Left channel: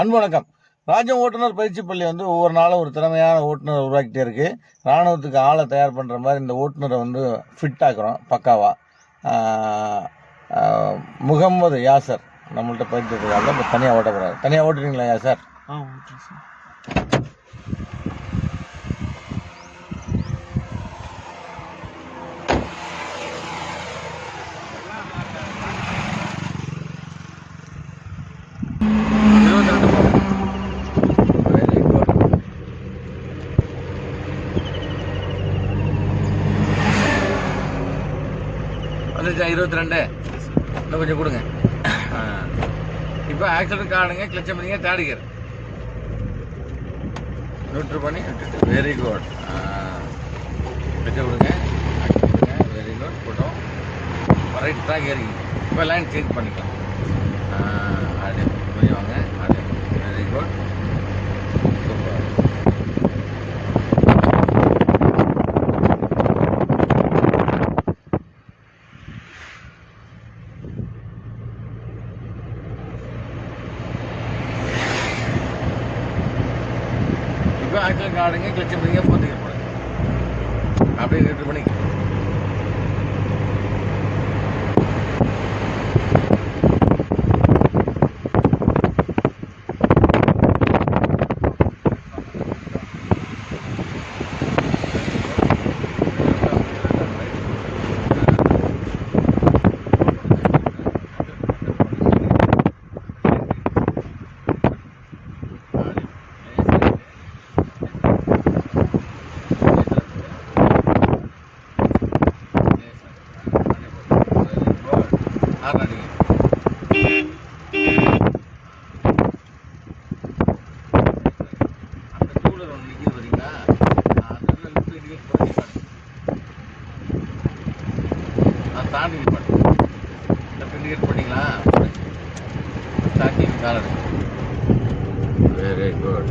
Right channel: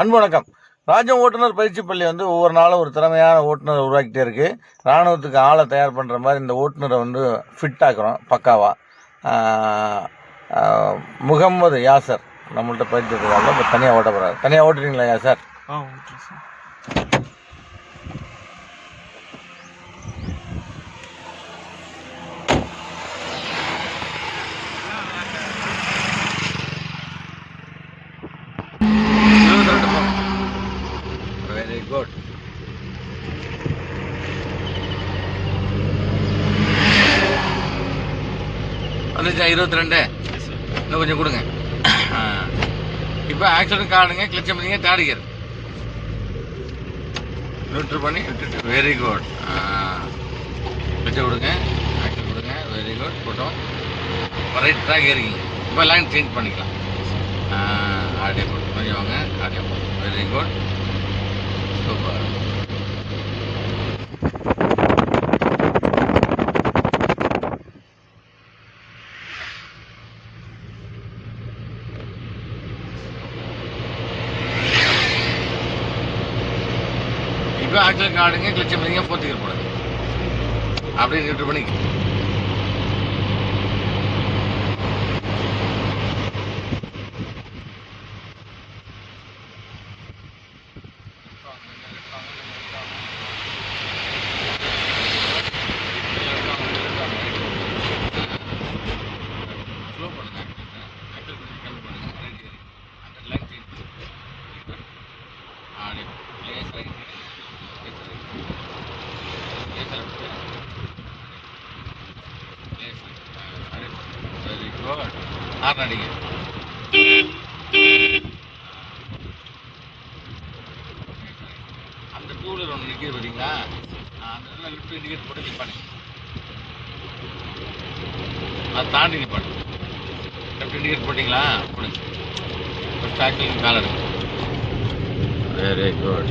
அன்பு வணக்கம். ராஜ்யம் ஓட்டுநர் பயிற்சி பள்ளி ஒவ்வொரு நாளும் ஒரு திறமையான ஓட்டுநர் உருவாக்கிட்டே இருக்குது. இராணுவத்துக்கு ஆளை தயார் பண்ணுற மாதிரி இந்த ஓட்டுநரை ஃபிட் ஆக்குறோம் பக்காவாக. முகம்மது யாசர் நம்மள்கிட்ட பயிற்சி எடுத்துக்காங்க. இப்போ தனியாக ஓட்ட போகிறாரு. தனியாக ஓட்டுறீங்களா யாசர்? ஓட்டுறேன் சார். Very good. வந்துச்சா 22? இன்னும் கொஞ்சம் கொடுங்க. இப்போ ஆக்சிடென்ட் காணுங்க, கிளச்சை பண்ணிங்க, தாடிக்கர் நியூட்ரு பண்ணி விட்டுட்டு. Very good. கிளச்சை கொடுங்க, ஆக்சிடென்ட் கொடுங்க. Very good. போட்டோம். ரைட் ட்ராக் ஏறிங்க. இப்போ லைன் சேஞ்ச் பண்ணிக்கலாம். ஆடியோ கொஞ்சம் வாங்க. Audio very good. சூப்பர். இப்போ ஆக்சிடென்ட் காடுங்க, கிளச்சை பண்ணிங்க, போத்துக்கிற போடுங்க. அப்படியே நியூட்ரு பண்ணி ஹார்ன் அடிங்க. அந்த டூலர் ஒன்று நிற்கிது பார்த்தீங்களா? அந்த இடத்துல லிஃப்ட் இண்டிகேட் போட்டு நிற்பாடு. அதை தாண்டி நிற்பாடு. லெஃப்ட் இண்டிகேட் போட்டிங்களா? ஸ்டாக்கிங் கால் எடுங்க. Very good.